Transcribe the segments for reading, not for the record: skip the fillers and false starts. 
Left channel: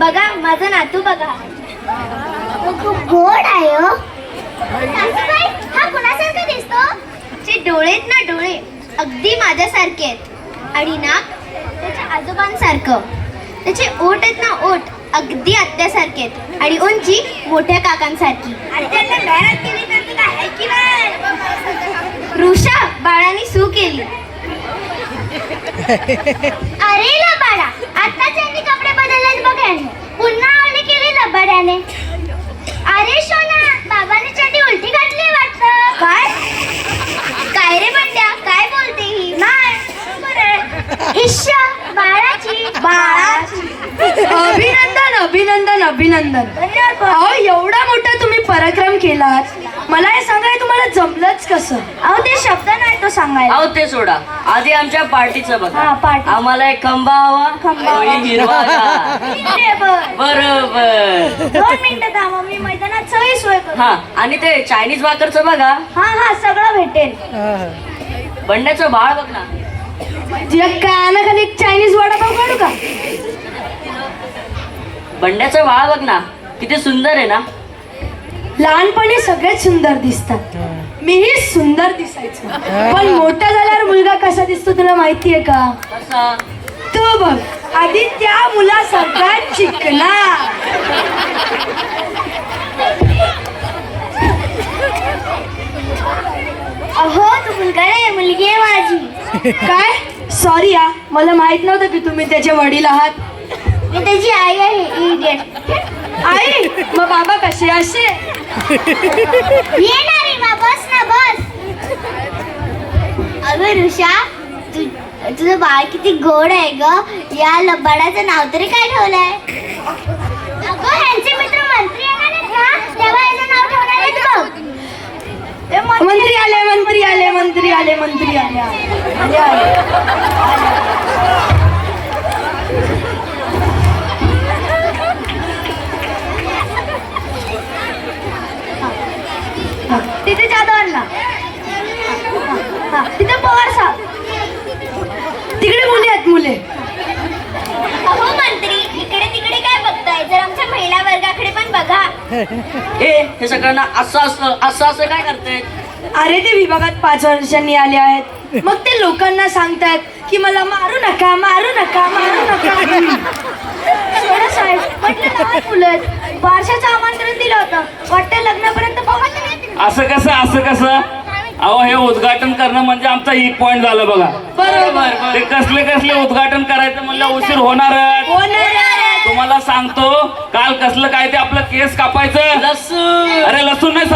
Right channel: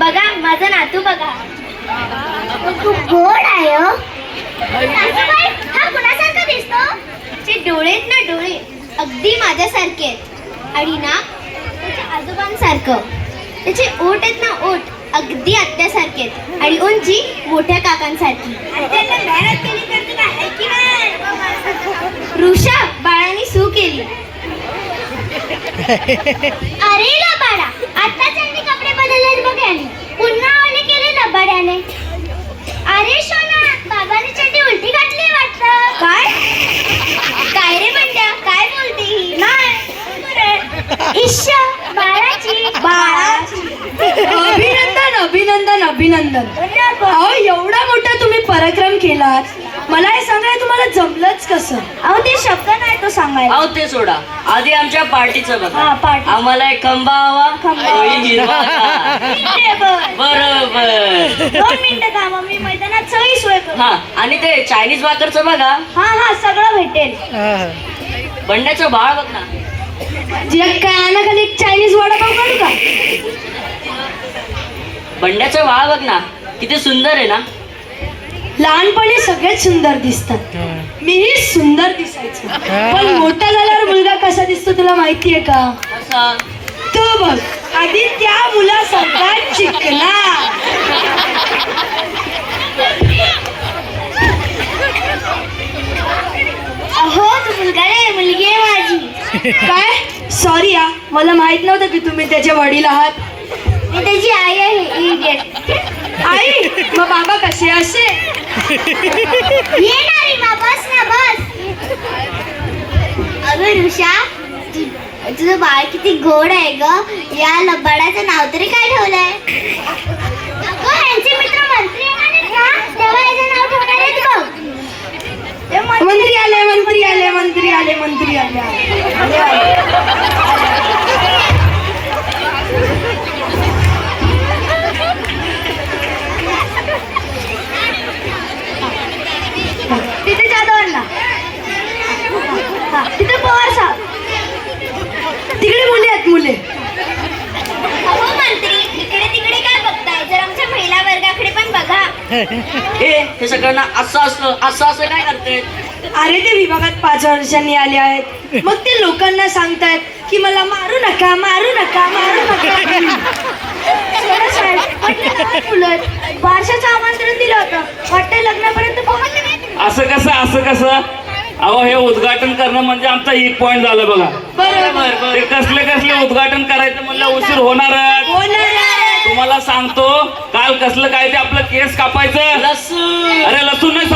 बघा माझा नातू बघा, तो खूप गोड आहे हो. हा कुणासारखा दिसतो? चे डोळे आहेत ना, डोळे अगदी माझ्यासारखे आहेत आणि ना त्याच्या आजोबांसारखं. त्याचे ओठ आहेत ना, ओठ अगदी आत्यासारखे आहेत आणि उंची मोठ्या काकांसारखी. ऋषा बाळाने सू केली. अरे लबाडा, आता त्यांनी कपडे बदलले बघ याने, पुन्हा ओले केले लबाड्याने. अरे सोना, बाबाने चड्डी उलटी घातली वाटतं. काय रे बंड्या, काय बोलते ही? नाही ईश्या बाळाची. अभिनंदन अभिनंदन अभिनंदन. अहो एवढा मोठा तुम्ही पराक्रम केलात, मला हे सांगाय तुम्हाला जमलंच कसं? अहो ते शब्द नाही तो सांगायला. अहो ते सोडा, आधी आमच्या पार्टीचं हा, बघा. पार्टी. आम्हाला एक खंबा हवा, तोही हिरवा. बरोबर. 2 मिनिटं थांबा, मी मैदानात सगळी सोय करतो. हा, आणि ते चायनीज भाकरचं बघा. हा सगळं भेटेल. बंड्याचं बाळ बघ ना. तुला कानाखाली एक चायनीज वडापाव काढू का? बंड्याचं बाळ बघ ना, किती सुंदर आहे ना. लहानपणी सगळेच सुंदर दिसतात, मीही सुंदर दिसायचो. पण मोठा झाल्यावर मुलगा कसा दिसतो तुला माहितीये का? कसा? तो बघ, आधी त्या मुलासारखा चिकना. अहो तू मुलगा नाही, मुलगी आहे माझी. काय? सॉरी हा, मला माहित नव्हतं की तुम्ही त्याचे वडील आहात. मी त्याची आई आहे. इडियट. आई, मग बाबा कसे असे? ये ना रीमा, बस ना बस. अगं ऋषा, तुझं बाळ किती गोड आहे ग. या लबाडाचं नाव तरी काय ठेवलंय? अगं ह्यांचे मित्र मंत्री येणार आहेत ना, तेव्हा याचं नाव ठेवणार आहेत बघ. मंत्री आले मंत्री आले मंत्री आले मंत्री आले आले आले. तिथे जाधवांना, तिथे पवार साहेब. तिकडे मुले आहेत मुले. अहो मंत्री, इकडे तिकडे काय बघताय? जर आमच्या महिला वर्गाकडे पण बघा. हे सगळ्यांना असं असं काय करते? अरे ते विभागात 5 वर्षांनी आले आहेत, मग ते लोकांना सांगतायत की मला मारू नका मारू नका मारू नका. सोडा साहेब, म्हटलं लहान मुलं आहेत. बारशाचं आमंत्रण दिलं होतं, वाटतं लग्नापर्यंत पोहोचले नाही. असं कसं अहो हे उद्घाटन करणं म्हणजे आमचा एक पॉइंट झालं बघा. बरोबर. ते कसले उद्घाटन करायचं म्हणलं उशीर होणारच. तुम्हाला सांगतो, काल कसलं काय ते आपलं केस कापायचं. लसूण. अरे लसूण नाही,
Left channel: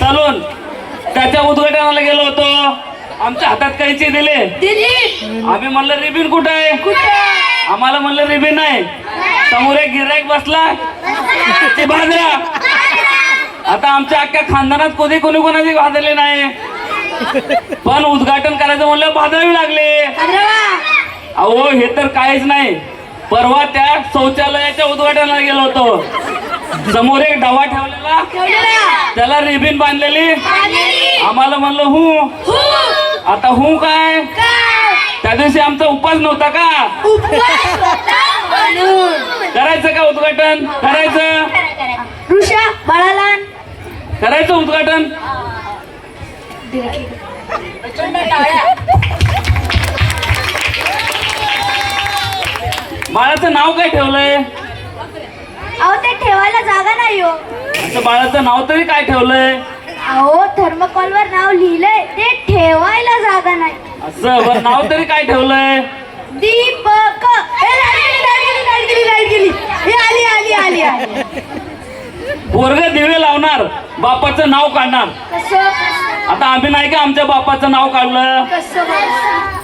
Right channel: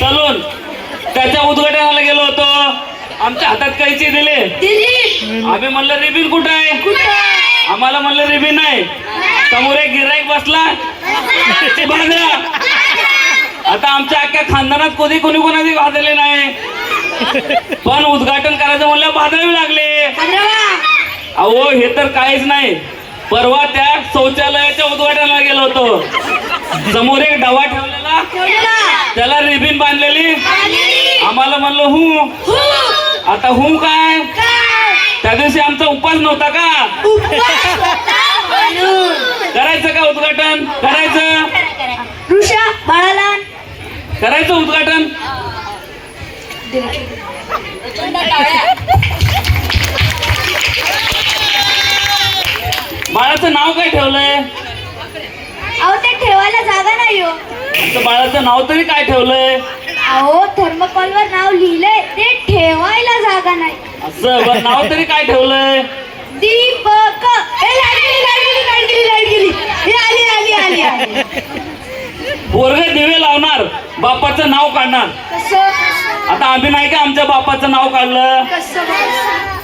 सलून. त्याच्या उद्घाटनाला गेलो होतो, आमच्या हातात कैची दिले. आम्ही म्हणलं रिबिन कुठं आहे? आम्हाला म्हणलं रिबिन नाही. समोर एक गिऱ्हाईक बसला, ते बांधला. आता आमच्या अख्ख्या खानदानात कोणी कोणाची बांधले नाही, पण उद्घाटन करायचं म्हणलं बांधावी लागले. अहो हे तर काहीच नाही. परवा त्या शौचालयाच्या उद्घाटनाला गेलो होतो, समोर एक डबा ठेवलेला, त्याला रिबिन बांधलेली. आम्हाला म्हणलं आता काय? त्या दिवशी आमचा उपास नव्हता का? करायचं का उद्घाटन? करायचं. ऋषा बाळाला करायचं उद्घाटन. बाळाचं नाव काय ठेवलंय? अहो ते ठेवायला जागा नाही हो. आमच्या बाळाचं नाव तरी काय ठेवलंय? अहो थर्मोकॉलवर नाव लिहिलंय, ते ठेवायला जागा नाही. असं बरं, नाव तरी काय ठेवलंय? दीपक. लाईट गेली. हे आली. पोरग दिवे लावणार, बापाचं नाव काढणार. आता आम्ही नाही का आमच्या बापाचं नाव काढलं?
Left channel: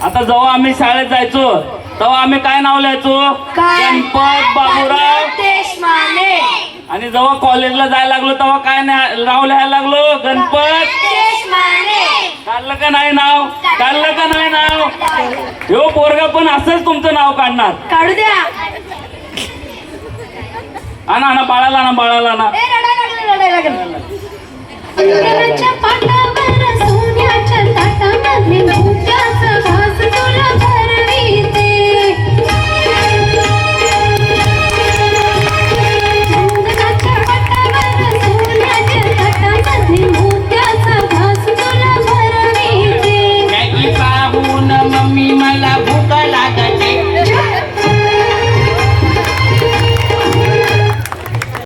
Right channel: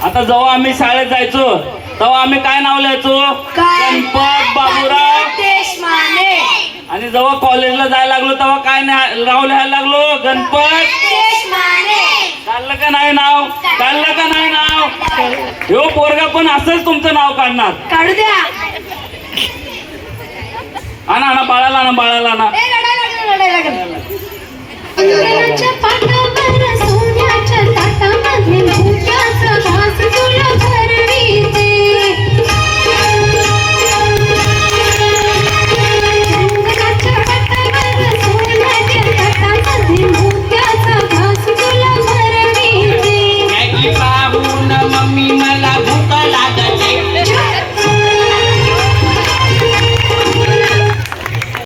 आता जेव्हा आम्ही शाळेत जायचो तेव्हा आम्ही काय नाव लिहायचो? गणपत बाबूराव देशमाने. आणि जेव्हा कॉलेजला जायला लागलो तेव्हा काय नाव लिहायला लागलो? गणपत देशमाने. काढलं का नाही नाव? काढलं का नाही नाव? ह्यो पोरगा पण असंच तुमचं नाव काढणार. काढू द्या. आणा बाळाला ना. रडायला लागलं.